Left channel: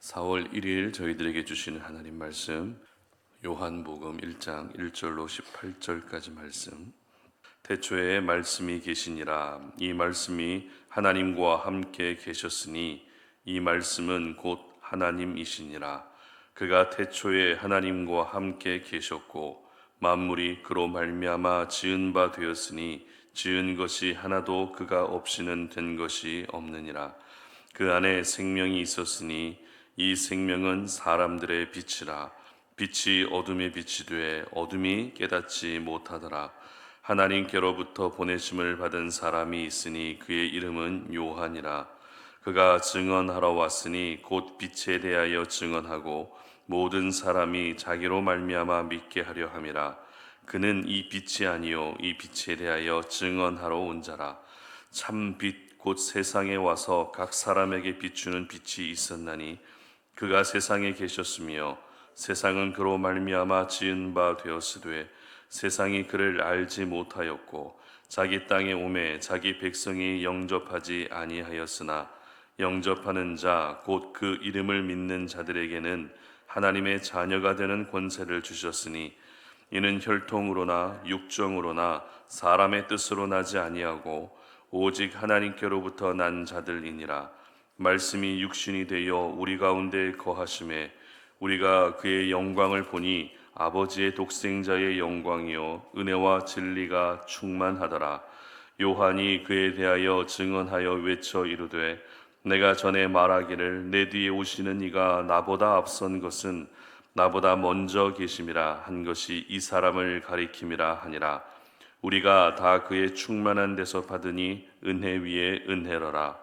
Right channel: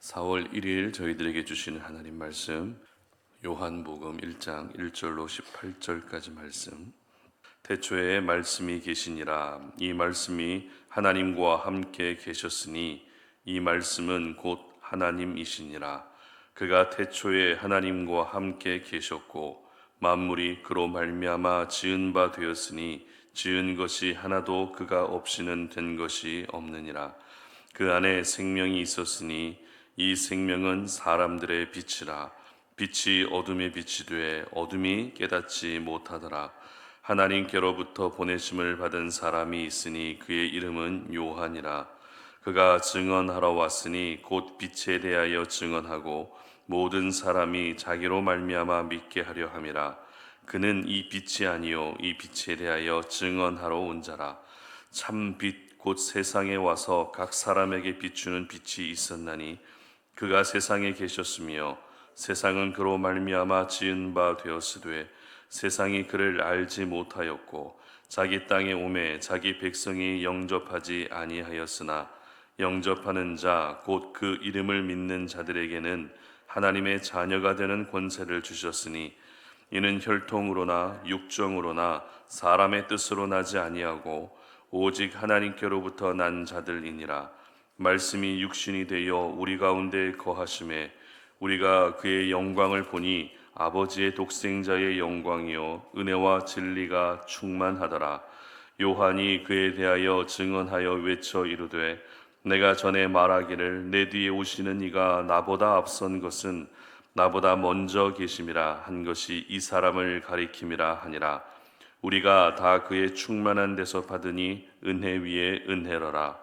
4월 1일 저희들에게 주시는 하나님 말씀, 요한복음 1장 1절로 18절까지 말씀. 태초에 말씀이 계시니라. 이 말씀이 하나님과 함께 계셨으니 이 말씀은 곧 하나님이시니라. 그가 태초에 하나님과 함께 계셨고 만물이 그로 말미암아 지은 바 되었으니 지은 것이 하나도 그가 없이는 된 것이 없느니라. 그 안에 생명이 있었으니 이 생명은 사람들의 빛이라. 빛이 어둠에 빛이 되어 어둠이 깨닫지 못하더라. 하나님께로부터 보내심을 받은 사람이 있으니 그의 이름은 요한이라. 그가 증언하러 왔으니 곧 빛에 대하여 증언하고 모든 사람이 자기로 말미암아 믿게 하려 함이라. 그는 이 빛이 아니요 이 빛에 대하여 증언하러 온 자라. 참 빛 곧 세상에 와서 각 사람에게 비추는 빛이 있었나니 그가 세상에 계셨으며 세상은 그로 말미암아 지은 바 되었으되 세상이 그를 알지 못하였고 자기 땅에 오매 자기 백성이 영접하지 아니하였으나 영접하는 자 곧 그 이름을 믿는 자들에게는 하나님의 자녀가 되는 권세를 주셨으니 이는 혈통으로나 육정으로나 사람의 뜻으로 나지 아니하고 오직 하나님께로부터 난 자들이니라. 말씀이 육신이 되어 우리 가운데 거하심에 우리가 그의 영광을 보니 아버지의 독생자의 영광이요 은혜와 진리가 충만하더라. 요한이 그에 대하여 증언하여 외쳐 이르되 내가 전에 말하기를 내 뒤에 오시는 이가 나보다 앞선 것은 나보다 먼저 계심이라 한 것이 이 사람을 가리킴이라 하니라. 우리가 다 그의 충만한 데서 받으니 은혜 위에 은혜로라.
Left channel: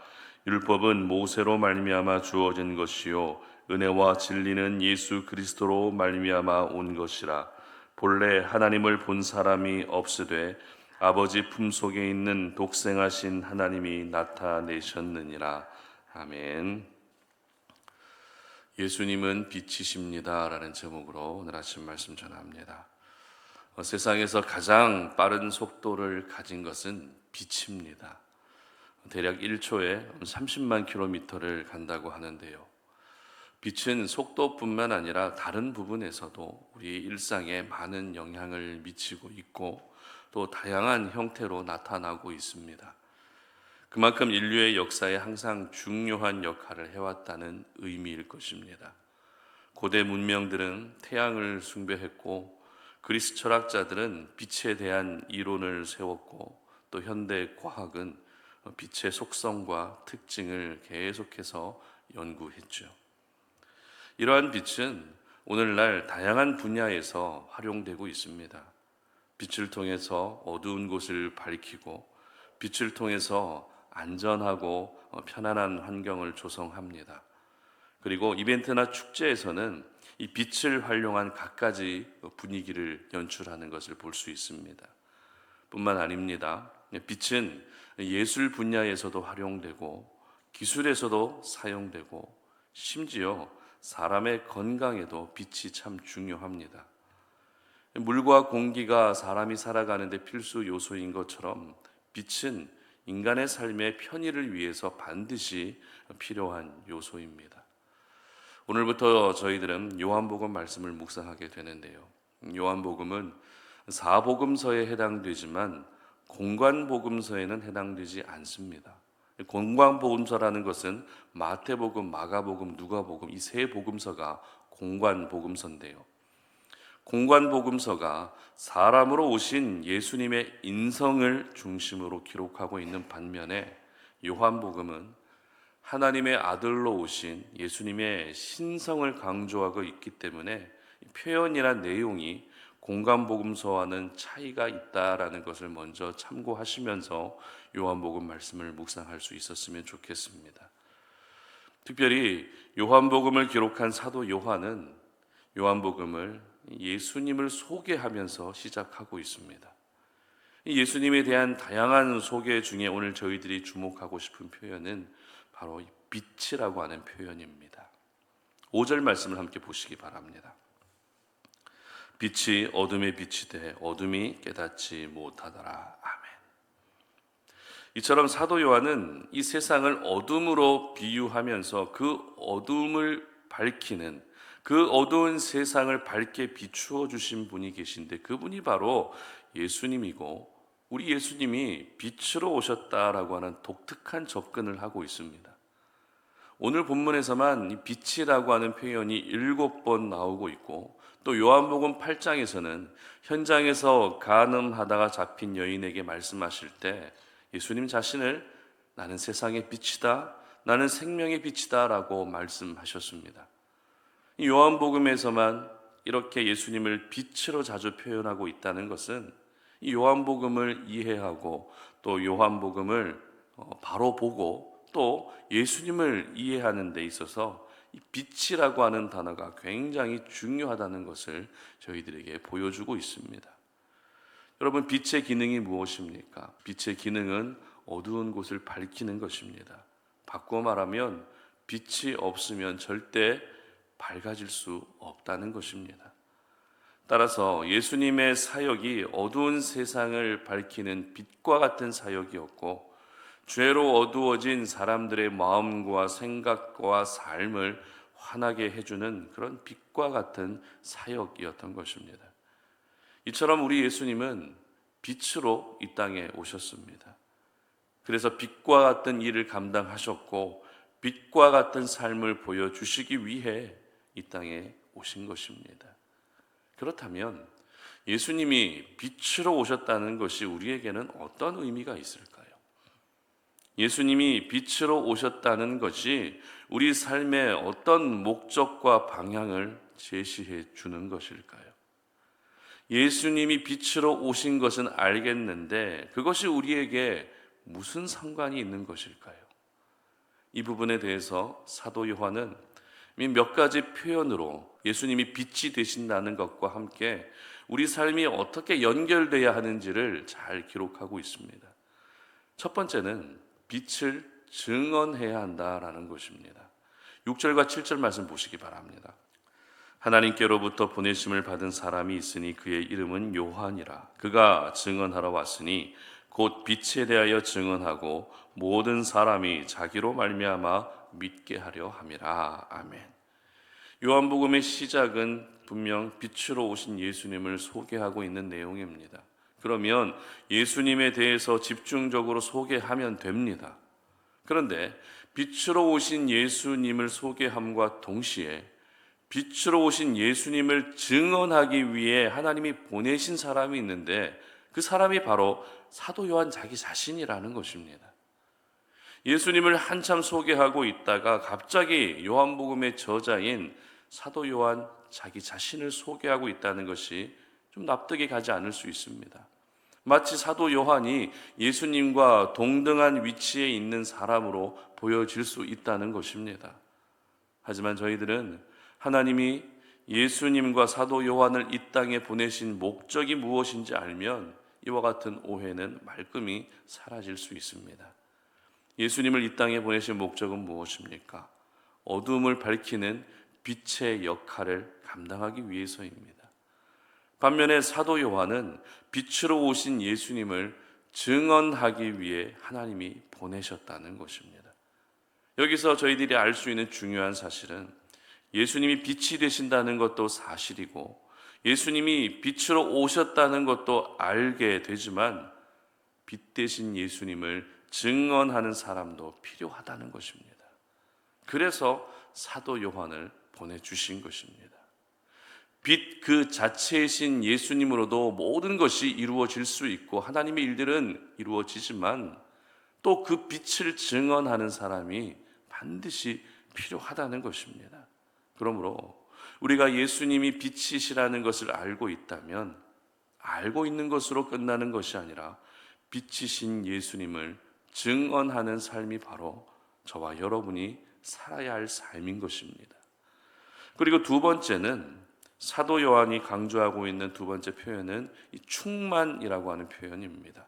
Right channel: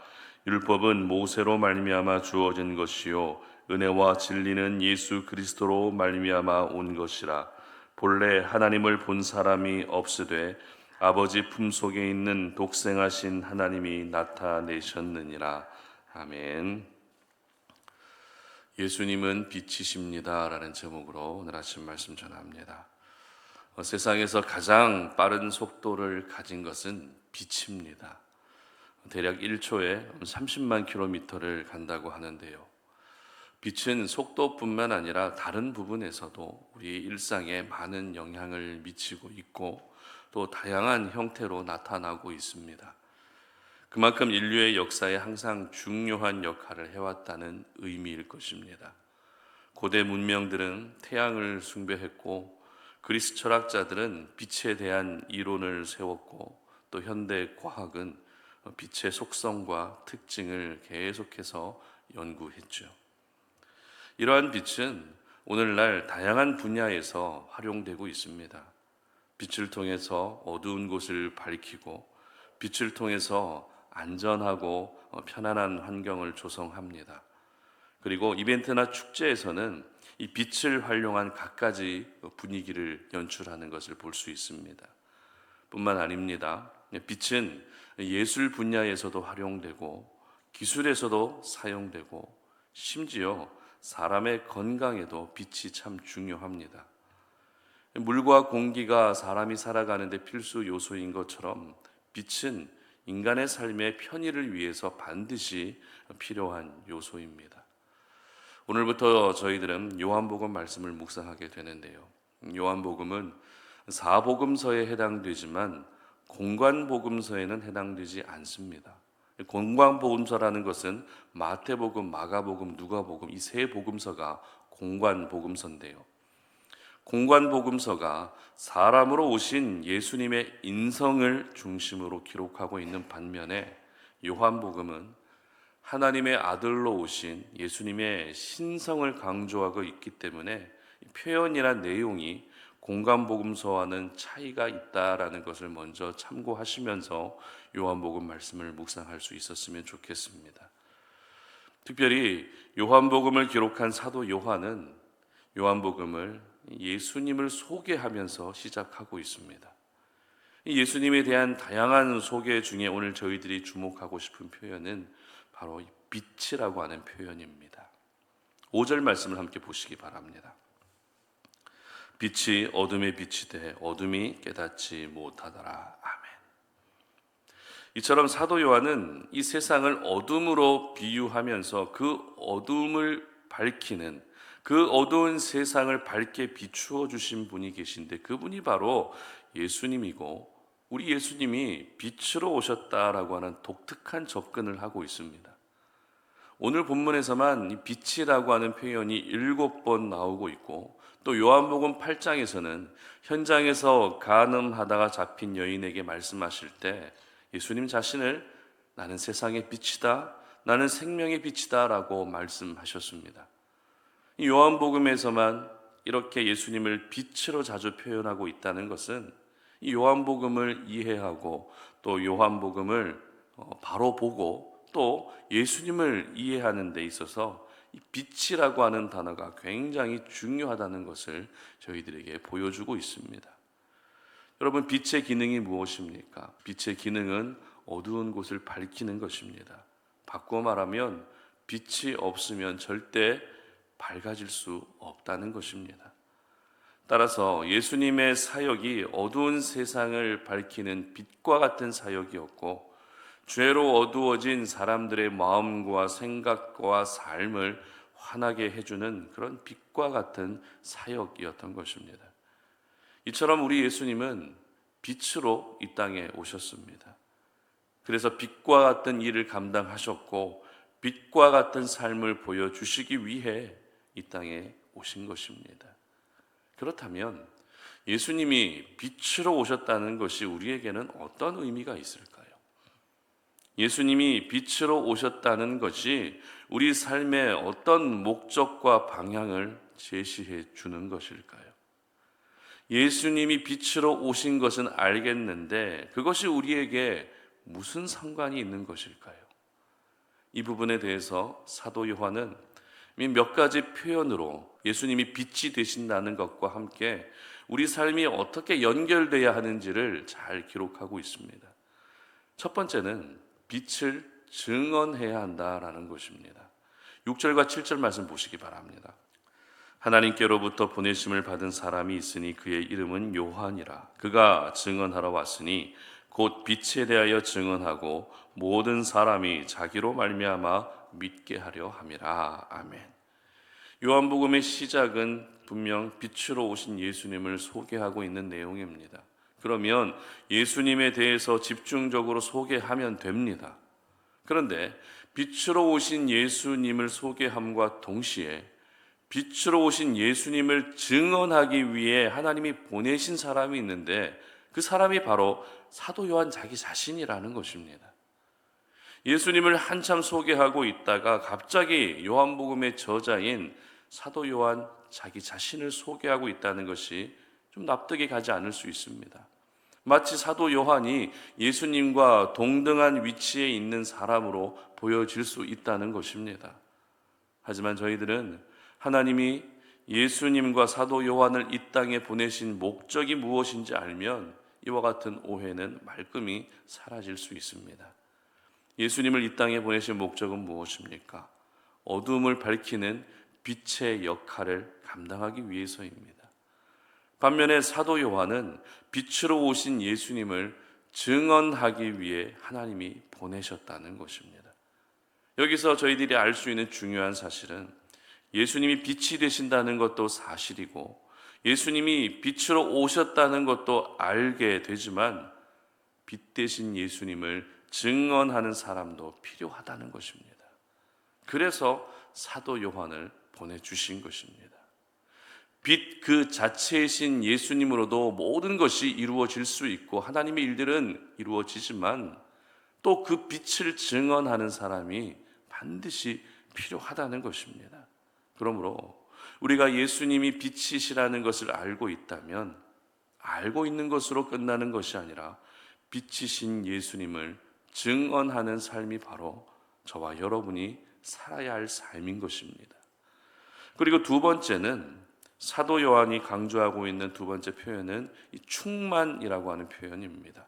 율법은 모세로 말미암아 주어진 것이요 은혜와 진리는 예수 그리스도로 말미암아 온 것이라. 본래 하나님을 본 사람이 없으되 아버지 품속에 있는 독생하신 하나님이 나타내셨느니라. 아멘. 예수님은 빛이십니다 라는 제목으로 오늘 아침 말씀 전합니다. 세상에서 가장 빠른 속도를 가진 것은 빛입니다. 대략 1초에 30만 킬로미터를 간다고 하는데요. 빛은 속도뿐만 아니라 다른 부분에서도 우리 일상에 많은 영향을 미치고 있고 또 다양한 형태로 나타나고 있습니다. 그만큼 인류의 역사에 항상 중요한 역할을 해왔다는 의미일 것입니다. 고대 문명들은 태양을 숭배했고 그리스 철학자들은 빛에 대한 이론을 세웠고 또 현대 과학은 빛의 속성과 특징을 계속해서 연구했죠. 이러한 빛은 오늘날 다양한 분야에서 활용되고 있습니다. 빛을 통해서 어두운 곳을 밝히고 빛을 통해서 안전하고 편안한 환경을 조성합니다. 그리고 이벤트나 축제에서는 이 빛을 활용한 갖가지 분위기를 연출하는 것을 볼 수 있습니다. 뿐만 아닙니다. 빛은 예술 분야에서도 활용되고 기술에서도 사용되고 심지어 사람의 건강에도 빛이 참 중요합니다. 물과 공기가 사람이 살아가는데 필수 요소인 것처럼 빛은 인간의 삶의 편의를 위해서 반드시 필요한 요소입니다. 오늘부터 저희들은 요한복음 말씀을 묵상하게 되는데요. 요한복음은 사복음서에 해당되지만 공관복음서에는 해당되지 않습니다. 공관복음서라는 것은 마태복음, 마가복음, 누가복음 이 세 복음서가 공관복음서인데요. 공관복음서가 사람으로 오신 예수님의 인성을 중심으로 기록하고 있는 반면에 요한복음은 하나님의 아들로 오신 예수님의 신성을 강조하고 있기 때문에 표현이나 내용이 공관복음서와는 차이가 있다라는 것을 먼저 참고하시면서 요한복음 말씀을 묵상할 수 있었으면 좋겠습니다. 특별히 요한복음을 기록한 사도 요한은 요한복음을 예수님을 소개하면서 시작하고 있습니다. 예수님에 대한 다양한 소개 중에 오늘 저희들이 주목하고 싶은 표현은 바로 빛이라고 하는 표현입니다. 5절 말씀을 함께 보시기 바랍니다. 빛이 어둠에 빛이 돼 어둠이 깨닫지 못하더라. 아멘. 이처럼 사도 요한은 이 세상을 어둠으로 비유하면서 그 어둠을 밝히는, 그 어두운 세상을 밝게 비추어 주신 분이 계신데 그분이 바로 예수님이고, 우리 예수님이 빛으로 오셨다라고 하는 독특한 접근을 하고 있습니다. 오늘 본문에서만 이 빛이라고 하는 표현이 7번 나오고 있고, 또 요한복음 8장에서는 현장에서 간음하다가 잡힌 여인에게 말씀하실 때 예수님 자신을 나는 세상의 빛이다, 나는 생명의 빛이다 라고 말씀하셨습니다. 이 요한복음에서만 이렇게 예수님을 빛으로 자주 표현하고 있다는 것은 이 요한복음을 이해하고 또 요한복음을 바로 보고 또 예수님을 이해하는 데 있어서 이 빛이라고 하는 단어가 굉장히 중요하다는 것을 저희들에게 보여주고 있습니다. 여러분, 빛의 기능이 무엇입니까? 빛의 기능은 어두운 곳을 밝히는 것입니다. 바꾸어 말하면 빛이 없으면 절대 밝아질 수 없다는 것입니다. 따라서 예수님의 사역이 어두운 세상을 밝히는 빛과 같은 사역이었고, 죄로 어두워진 사람들의 마음과 생각과 삶을 환하게 해주는 그런 빛과 같은 사역이었던 것입니다. 이처럼 우리 예수님은 빛으로 이 땅에 오셨습니다. 그래서 빛과 같은 일을 감당하셨고 빛과 같은 삶을 보여주시기 위해 이 땅에 오신 것입니다. 그렇다면 예수님이 빛으로 오셨다는 것이 우리에게는 어떤 의미가 있을까요? 예수님이 빛으로 오셨다는 것이 우리 삶의 어떤 목적과 방향을 제시해 주는 것일까요? 예수님이 빛으로 오신 것은 알겠는데 그것이 우리에게 무슨 상관이 있는 것일까요? 이 부분에 대해서 사도 요한은 몇 가지 표현으로 예수님이 빛이 되신다는 것과 함께 우리 삶이 어떻게 연결돼야 하는지를 잘 기록하고 있습니다. 첫 번째는 빛을 증언해야 한다라는 것입니다. 6절과 7절 말씀 보시기 바랍니다. 하나님께로부터 보내심을 받은 사람이 있으니 그의 이름은 요한이라. 그가 증언하러 왔으니 곧 빛에 대하여 증언하고 모든 사람이 자기로 말미암아 믿게 하려 함이라. 아멘. 요한복음의 시작은 분명 빛으로 오신 예수님을 소개하고 있는 내용입니다. 그러면 예수님에 대해서 집중적으로 소개하면 됩니다. 그런데 빛으로 오신 예수님을 소개함과 동시에 빛으로 오신 예수님을 증언하기 위해 하나님이 보내신 사람이 있는데 그 사람이 바로 사도 요한 자기 자신이라는 것입니다. 예수님을 한참 소개하고 있다가 갑자기 요한복음의 저자인 사도 요한 자기 자신을 소개하고 있다는 것이 좀 납득이 가지 않을 수 있습니다. 마치 사도 요한이 예수님과 동등한 위치에 있는 사람으로 보여질 수 있다는 것입니다. 하지만 저희들은 하나님이 예수님과 사도 요한을 이 땅에 보내신 목적이 무엇인지 알면 이와 같은 오해는 말끔히 사라질 수 있습니다. 예수님을 이 땅에 보내신 목적은 무엇입니까? 어두움을 밝히는 빛의 역할을 감당하기 위해서입니다. 반면에 사도 요한은 빛으로 오신 예수님을 증언하기 위해 하나님이 보내셨다는 것입니다. 여기서 저희들이 알 수 있는 중요한 사실은 예수님이 빛이 되신다는 것도 사실이고 예수님이 빛으로 오셨다는 것도 알게 되지만 빛 대신 예수님을 증언하는 사람도 필요하다는 것입니다. 그래서 사도 요한을 보내주신 것입니다. 빛 그 자체이신 예수님으로도 모든 것이 이루어질 수 있고 하나님의 일들은 이루어지지만 또 그 빛을 증언하는 사람이 반드시 필요하다는 것입니다. 그러므로 우리가 예수님이 빛이시라는 것을 알고 있다면 알고 있는 것으로 끝나는 것이 아니라 빛이신 예수님을 증언하는 삶이 바로 저와 여러분이 살아야 할 삶인 것입니다. 그리고 두 번째는 사도 요한이 강조하고 있는 두 번째 표현은 이 충만이라고 하는 표현입니다.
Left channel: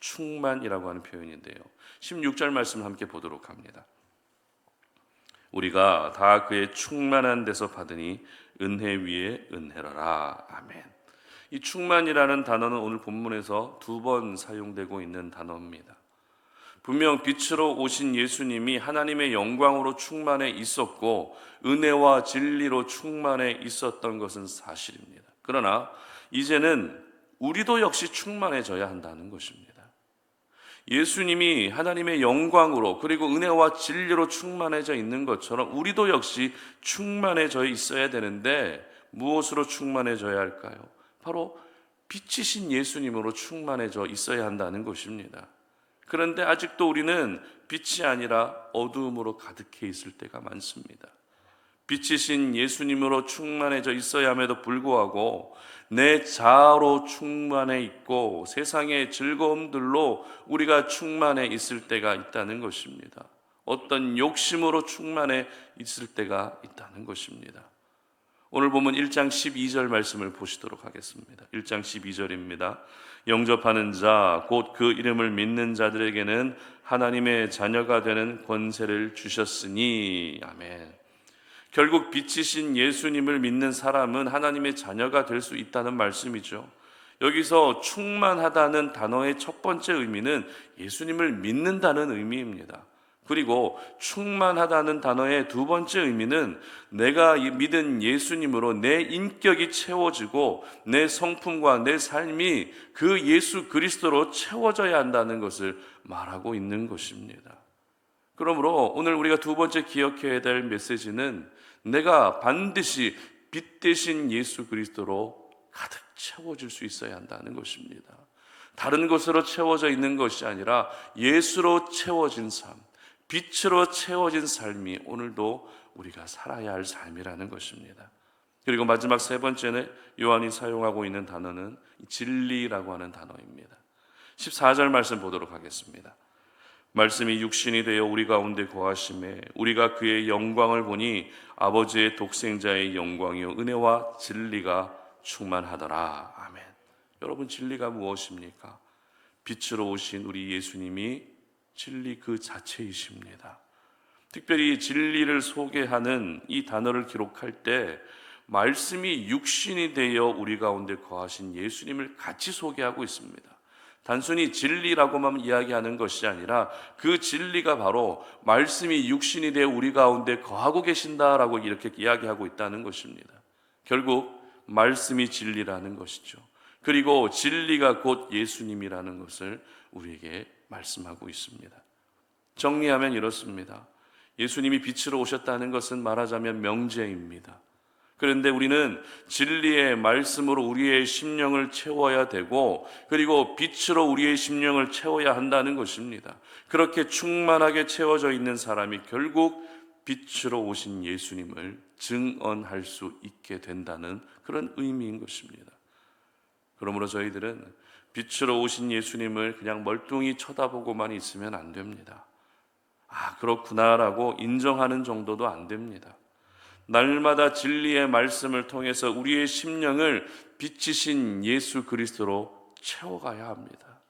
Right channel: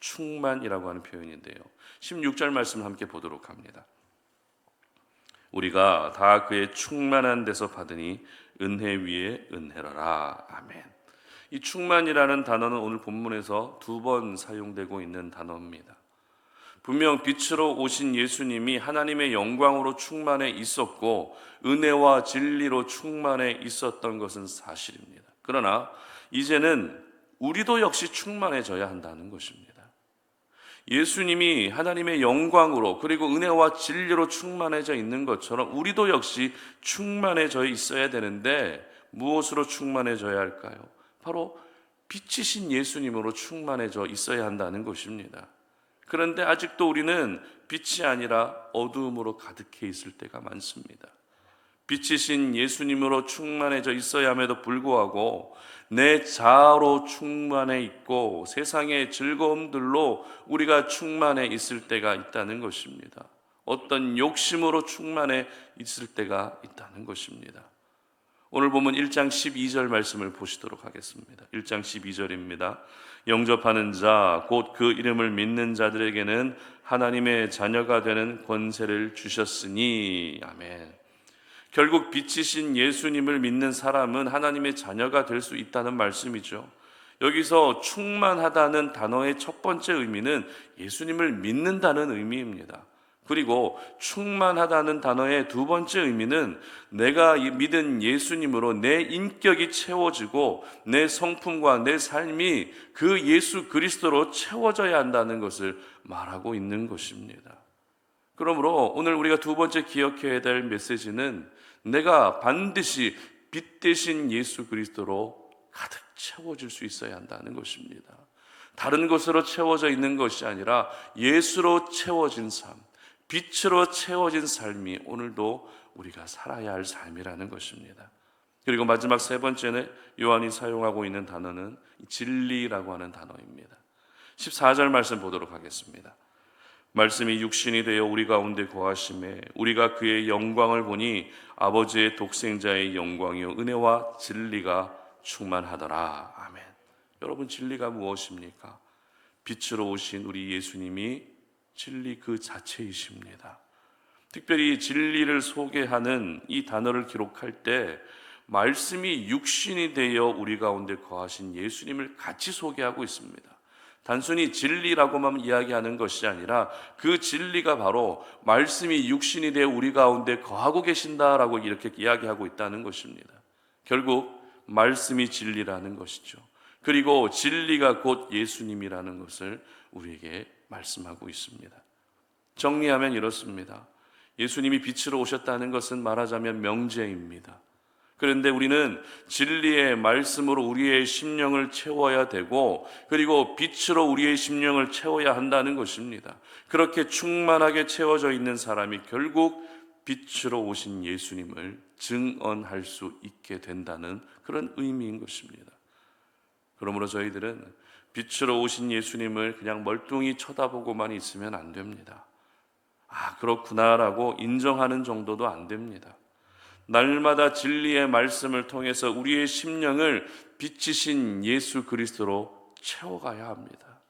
충만이라고 하는 표현인데요. 16절 말씀을 함께 보도록 합니다. 우리가 다 그의 충만한 데서 받으니 은혜 위에 은혜라라. 아멘. 이 충만이라는 단어는 오늘 본문에서 두 번 사용되고 있는 단어입니다. 분명 빛으로 오신 예수님이 하나님의 영광으로 충만해 있었고 은혜와 진리로 충만해 있었던 것은 사실입니다. 그러나 이제는 우리도 역시 충만해져야 한다는 것입니다. 예수님이 하나님의 영광으로 그리고 은혜와 진리로 충만해져 있는 것처럼 우리도 역시 충만해져 있어야 되는데 무엇으로 충만해져야 할까요? 바로 빛이신 예수님으로 충만해져 있어야 한다는 것입니다. 그런데 아직도 우리는 빛이 아니라 어두움으로 가득해 있을 때가 많습니다. 빛이신 예수님으로 충만해져 있어야 함에도 불구하고 내 자아로 충만해 있고 세상의 즐거움들로 우리가 충만해 있을 때가 있다는 것입니다. 어떤 욕심으로 충만해 있을 때가 있다는 것입니다. 오늘 보면 1장 12절 말씀을 보시도록 하겠습니다. 1장 12절입니다. 영접하는 자, 곧 그 이름을 믿는 자들에게는 하나님의 자녀가 되는 권세를 주셨으니. 아멘. 결국 빛이신 예수님을 믿는 사람은 하나님의 자녀가 될 수 있다는 말씀이죠. 여기서 충만하다는 단어의 첫 번째 의미는 예수님을 믿는다는 의미입니다. 그리고 충만하다는 단어의 두 번째 의미는 내가 믿은 예수님으로 내 인격이 채워지고 내 성품과 내 삶이 그 예수 그리스도로 채워져야 한다는 것을 말하고 있는 것입니다. 그러므로 오늘 우리가 두 번째 기억해야 될 메시지는 내가 반드시 빛 대신 예수 그리스도로 가득 채워질 수 있어야 한다는 것입니다. 다른 것으로 채워져 있는 것이 아니라 예수로 채워진 삶, 빛으로 채워진 삶이 오늘도 우리가 살아야 할 삶이라는 것입니다. 그리고 마지막 세 번째는 요한이 사용하고 있는 단어는 진리라고 하는 단어입니다. 14절 말씀 보도록 하겠습니다. 말씀이 육신이 되어 우리 가운데 거하심에 우리가 그의 영광을 보니 아버지의 독생자의 영광이요 은혜와 진리가 충만하더라. 아멘. 여러분, 진리가 무엇입니까? 빛으로 오신 우리 예수님이 진리 그 자체이십니다. 특별히 진리를 소개하는 이 단어를 기록할 때 말씀이 육신이 되어 우리 가운데 거하신 예수님을 같이 소개하고 있습니다. 단순히 진리라고만 이야기하는 것이 아니라 그 진리가 바로 말씀이 육신이 되어 우리 가운데 거하고 계신다라고 이렇게 이야기하고 있다는 것입니다. 결국 말씀이 진리라는 것이죠. 그리고 진리가 곧 예수님이라는 것을 우리에게 말씀하고 있습니다. 정리하면 이렇습니다. 예수님이 빛으로 오셨다는 것은 말하자면 명제입니다. 그런데 우리는 진리의 말씀으로 우리의 심령을 채워야 되고 그리고 빛으로 우리의 심령을 채워야 한다는 것입니다. 그렇게 충만하게 채워져 있는 사람이 결국 빛으로 오신 예수님을 증언할 수 있게 된다는 그런 의미인 것입니다. 그러므로 저희들은 빛으로 오신 예수님을 그냥 멀뚱히 쳐다보고만 있으면 안 됩니다. 아, 그렇구나라고 인정하는 정도도 안 됩니다. 날마다 진리의 말씀을 통해서 우리의 심령을 빛이신 예수 그리스도로 채워가야 합니다.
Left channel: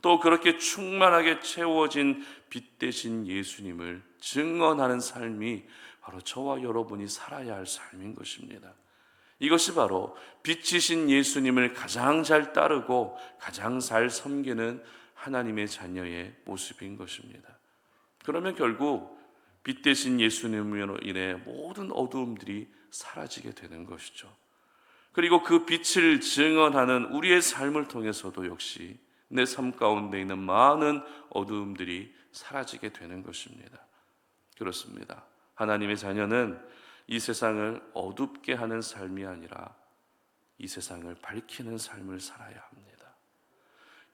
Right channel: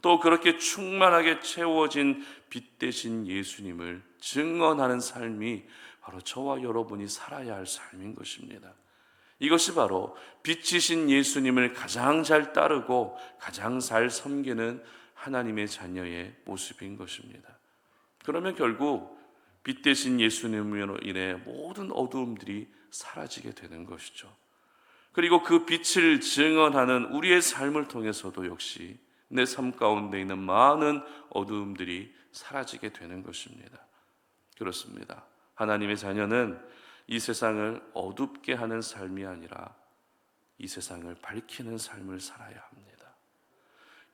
또 그렇게 충만하게 채워진 빛 대신 예수님을 증언하는 삶이 바로 저와 여러분이 살아야 할 삶인 것입니다. 이것이 바로 빛이신 예수님을 가장 잘 따르고 가장 잘 섬기는 하나님의 자녀의 모습인 것입니다. 그러면 결국 빛 대신 예수님으로 인해 모든 어두움들이 사라지게 되는 것이죠. 그리고 그 빛을 증언하는 우리의 삶을 통해서도 역시 내 삶 가운데 있는 많은 어두움들이 사라지게 되는 것입니다. 그렇습니다. 하나님의 자녀는 이 세상을 어둡게 하는 삶이 아니라 이 세상을 밝히는 삶을 살아야 합니다.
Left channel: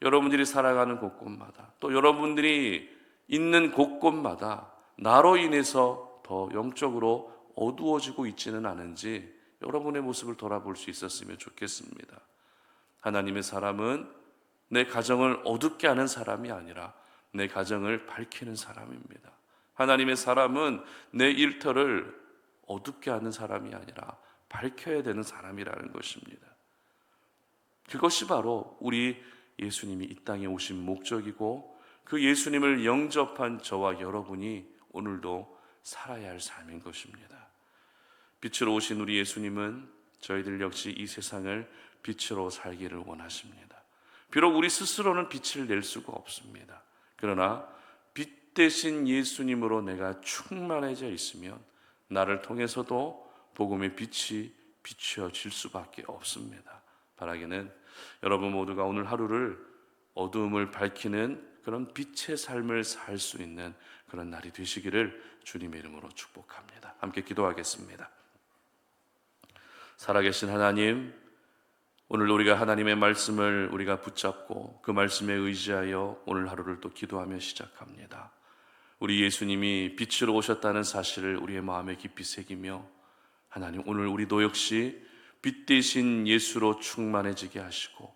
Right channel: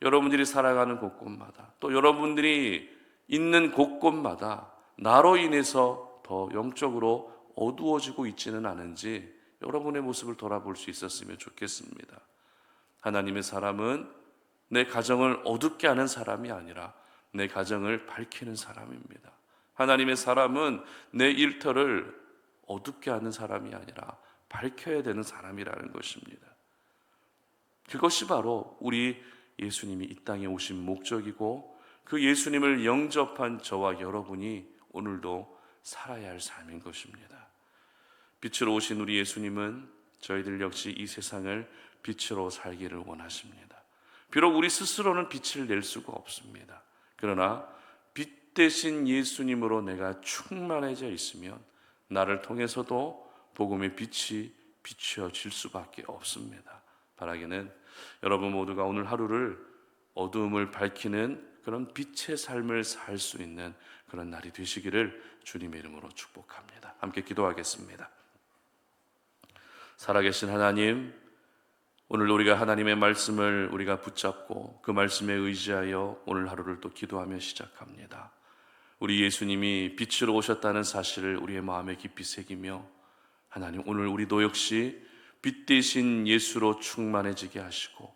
여러분들이 살아가는 곳곳마다 또 여러분들이 있는 곳곳마다 나로 인해서 더 영적으로 어두워지고 있지는 않은지 여러분의 모습을 돌아볼 수 있었으면 좋겠습니다. 하나님의 사람은 내 가정을 어둡게 하는 사람이 아니라 내 가정을 밝히는 사람입니다. 하나님의 사람은 내 일터를 어둡게 하는 사람이 아니라 밝혀야 되는 사람이라는 것입니다. 그것이 바로 우리 예수님이 이 땅에 오신 목적이고 그 예수님을 영접한 저와 여러분이 오늘도 살아야 할 삶인 것입니다. 빛으로 오신 우리 예수님은 저희들 역시 이 세상을 빛으로 살기를 원하십니다. 비록 우리 스스로는 빛을 낼 수가 없습니다. 그러나 빛 대신 예수님으로 내가 충만해져 있으면 나를 통해서도 복음의 빛이 비춰질 수밖에 없습니다. 바라기는 여러분 모두가 오늘 하루를 어두움을 밝히는 그런 빛의 삶을 살 수 있는 그런 날이 되시기를 주님의 이름으로 축복합니다. 함께 기도하겠습니다. 살아계신 하나님, 오늘 우리가 하나님의 말씀을 우리가 붙잡고 그 말씀에 의지하여 오늘 하루를 또 기도하며 시작합니다. 우리 예수님이 빛으로 오셨다는 사실을 우리의 마음에 깊이 새기며 하나님, 오늘 우리도 역시 빛 대신 예수로 충만해지게 하시고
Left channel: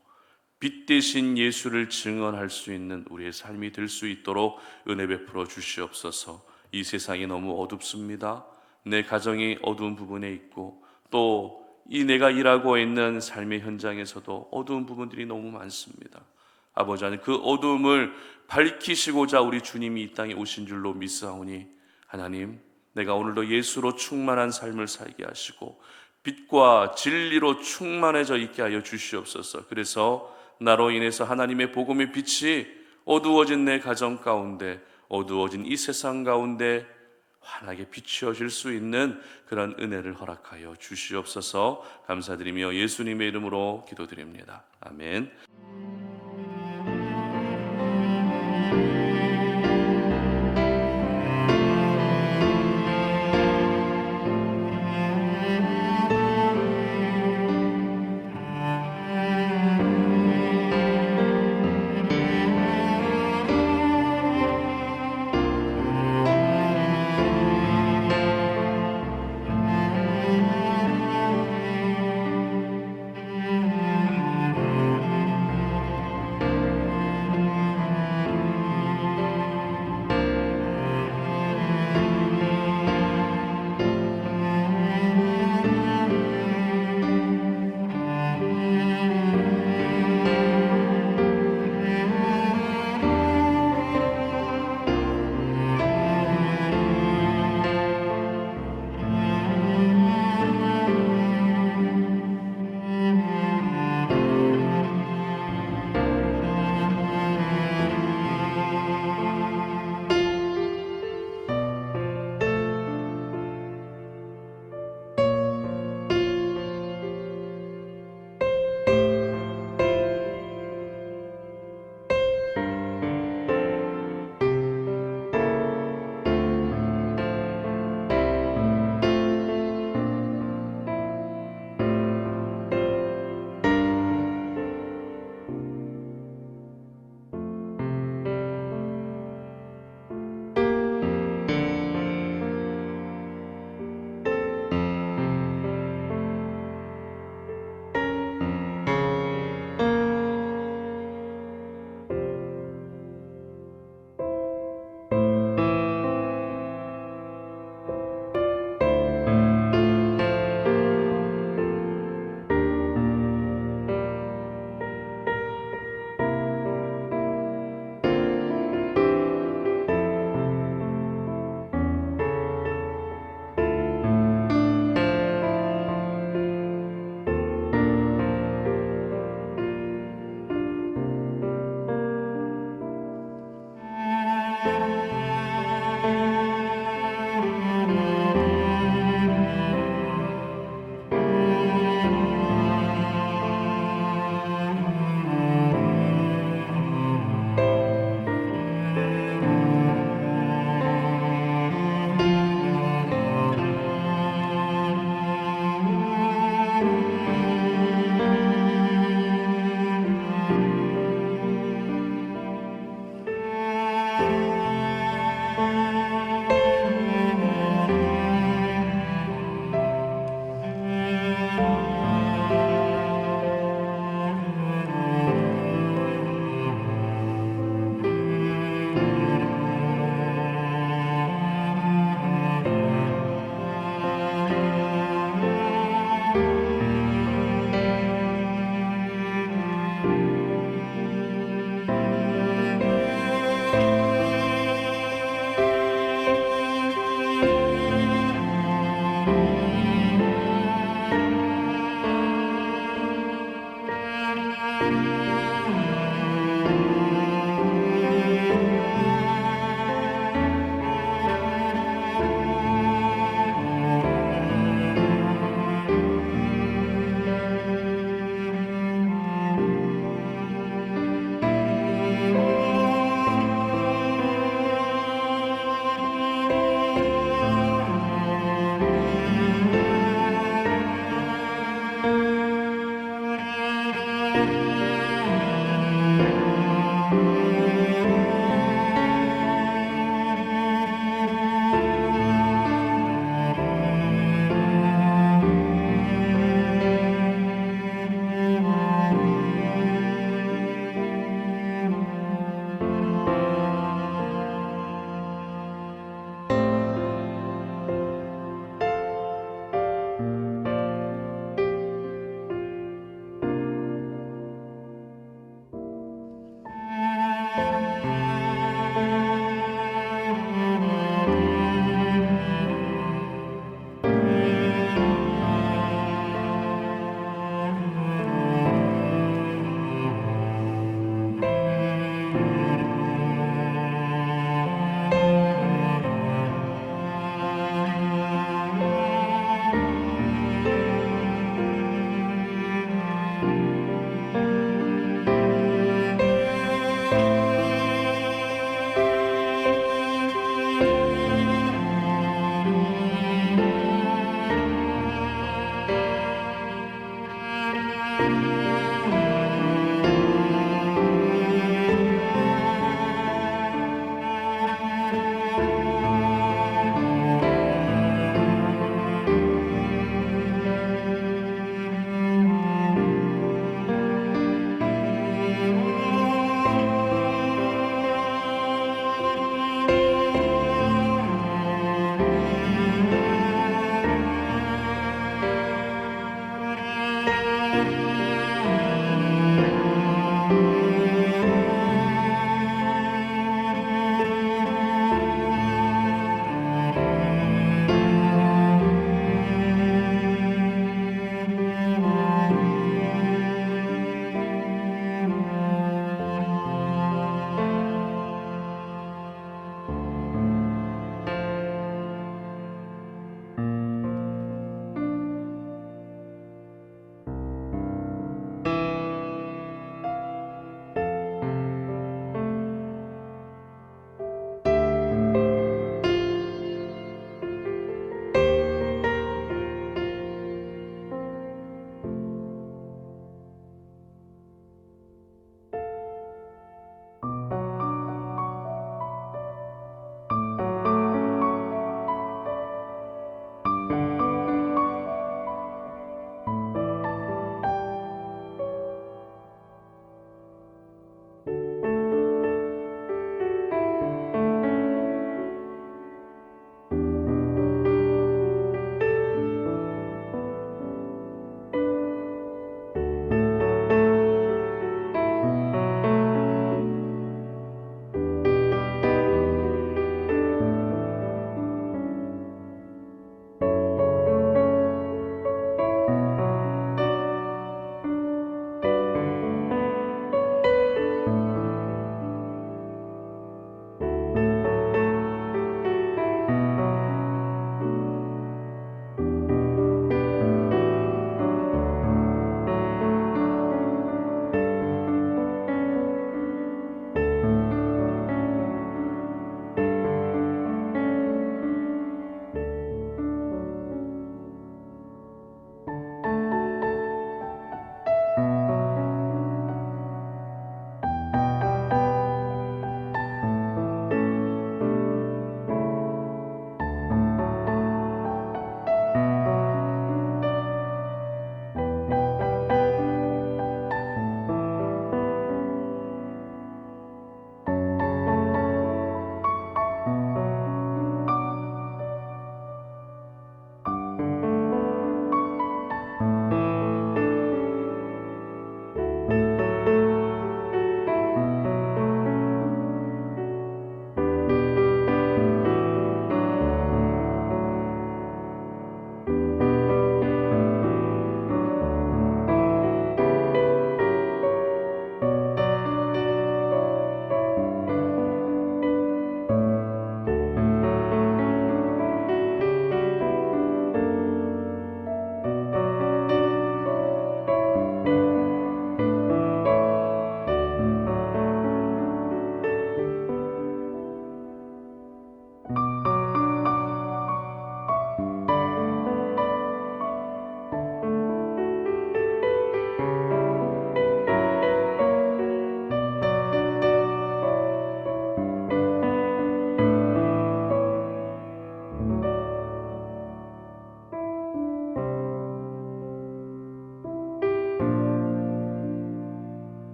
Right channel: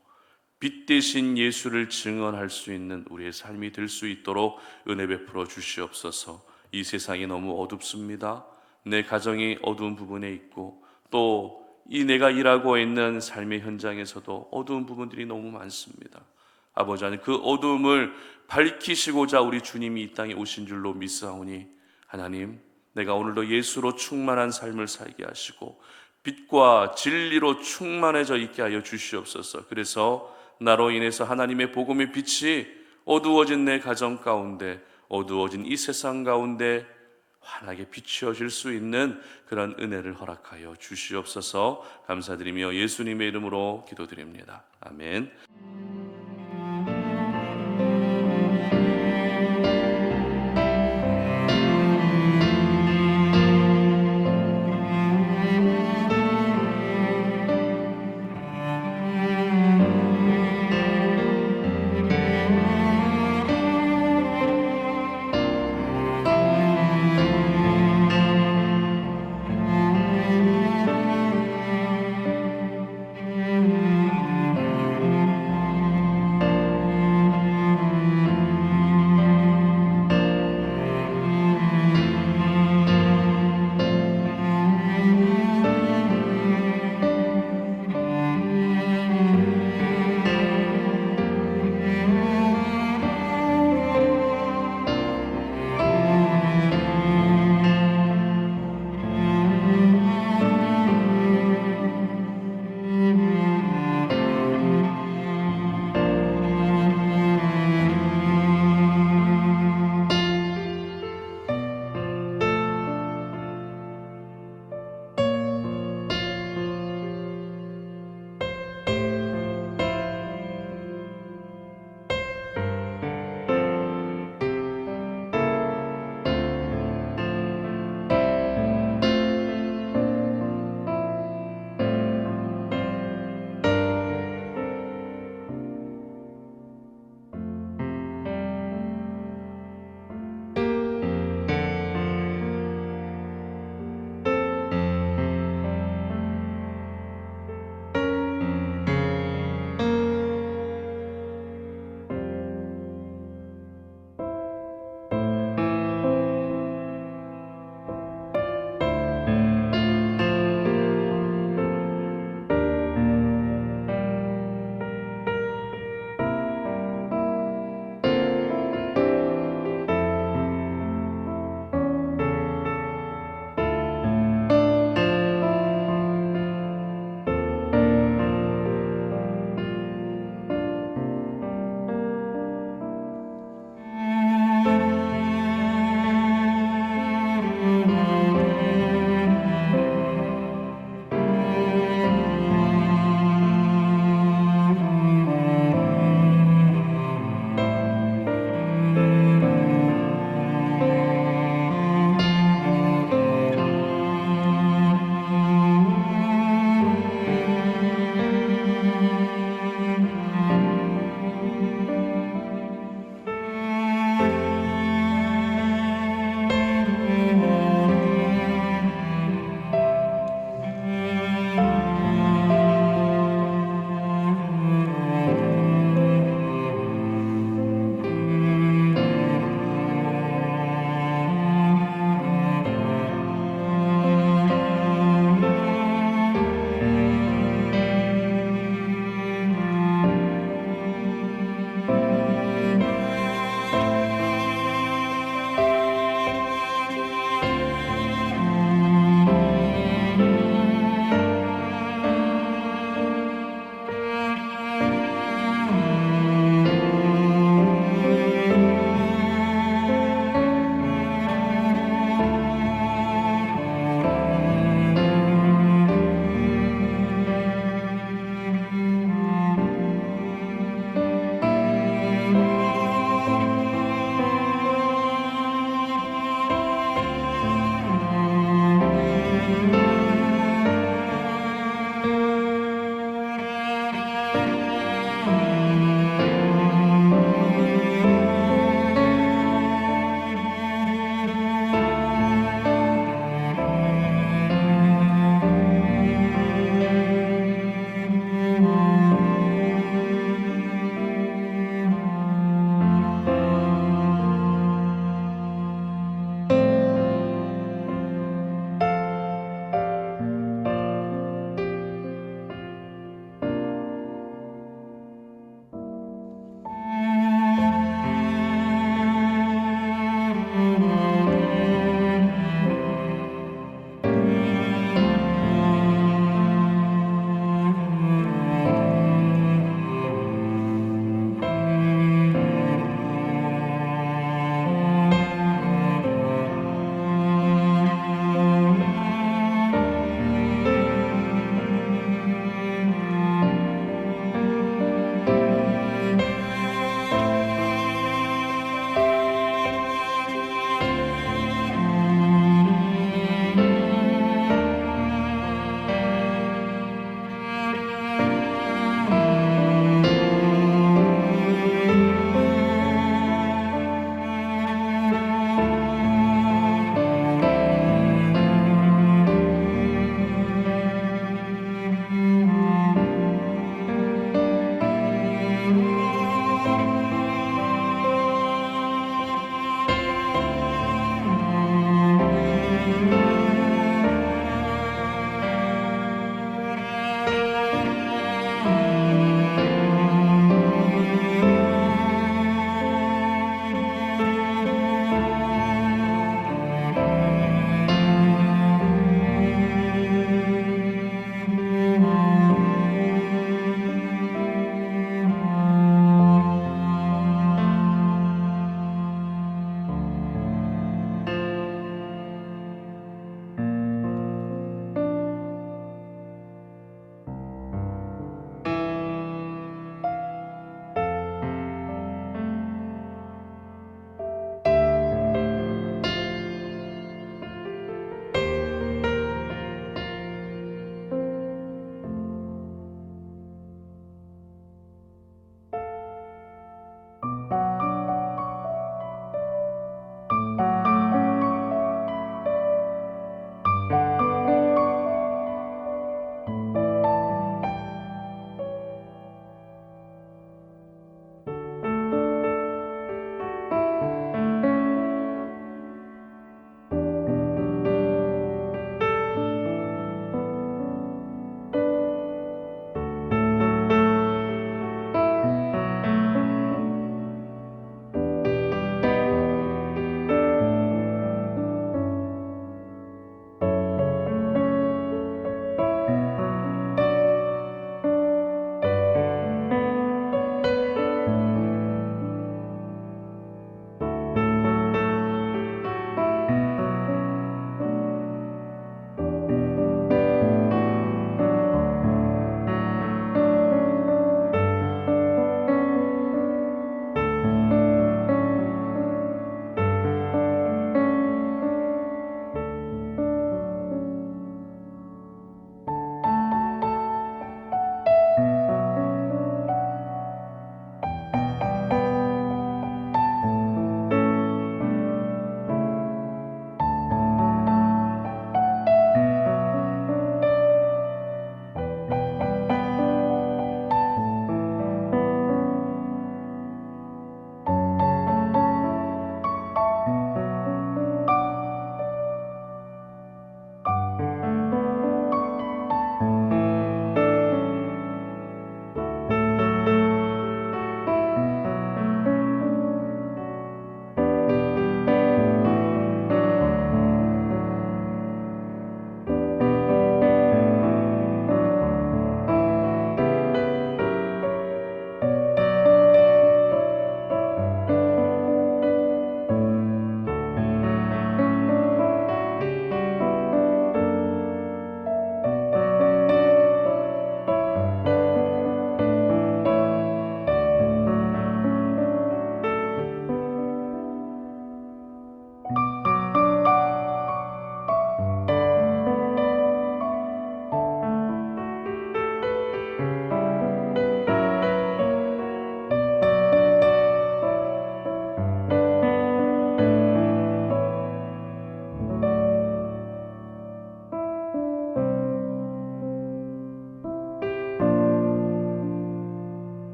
빛 대신 예수를 증언할 수 있는 우리의 삶이 될 수 있도록 은혜 베풀어 주시옵소서. 이 세상이 너무 어둡습니다. 내 가정이 어두운 부분에 있고 또 이 내가 일하고 있는 삶의 현장에서도 어두운 부분들이 너무 많습니다. 아버지 하나님, 그 어두움을 밝히시고자 우리 주님이 이 땅에 오신 줄로 믿사오니 하나님, 내가 오늘도 예수로 충만한 삶을 살게 하시고 빛과 진리로 충만해져 있게 하여 주시옵소서. 그래서 나로 인해서 하나님의 복음의 빛이 어두워진 내 가정 가운데, 어두워진 이 세상 가운데 환하게 비추어질 수 있는 그런 은혜를 허락하여 주시옵소서. 감사드리며 예수님의 이름으로 기도드립니다. 아멘.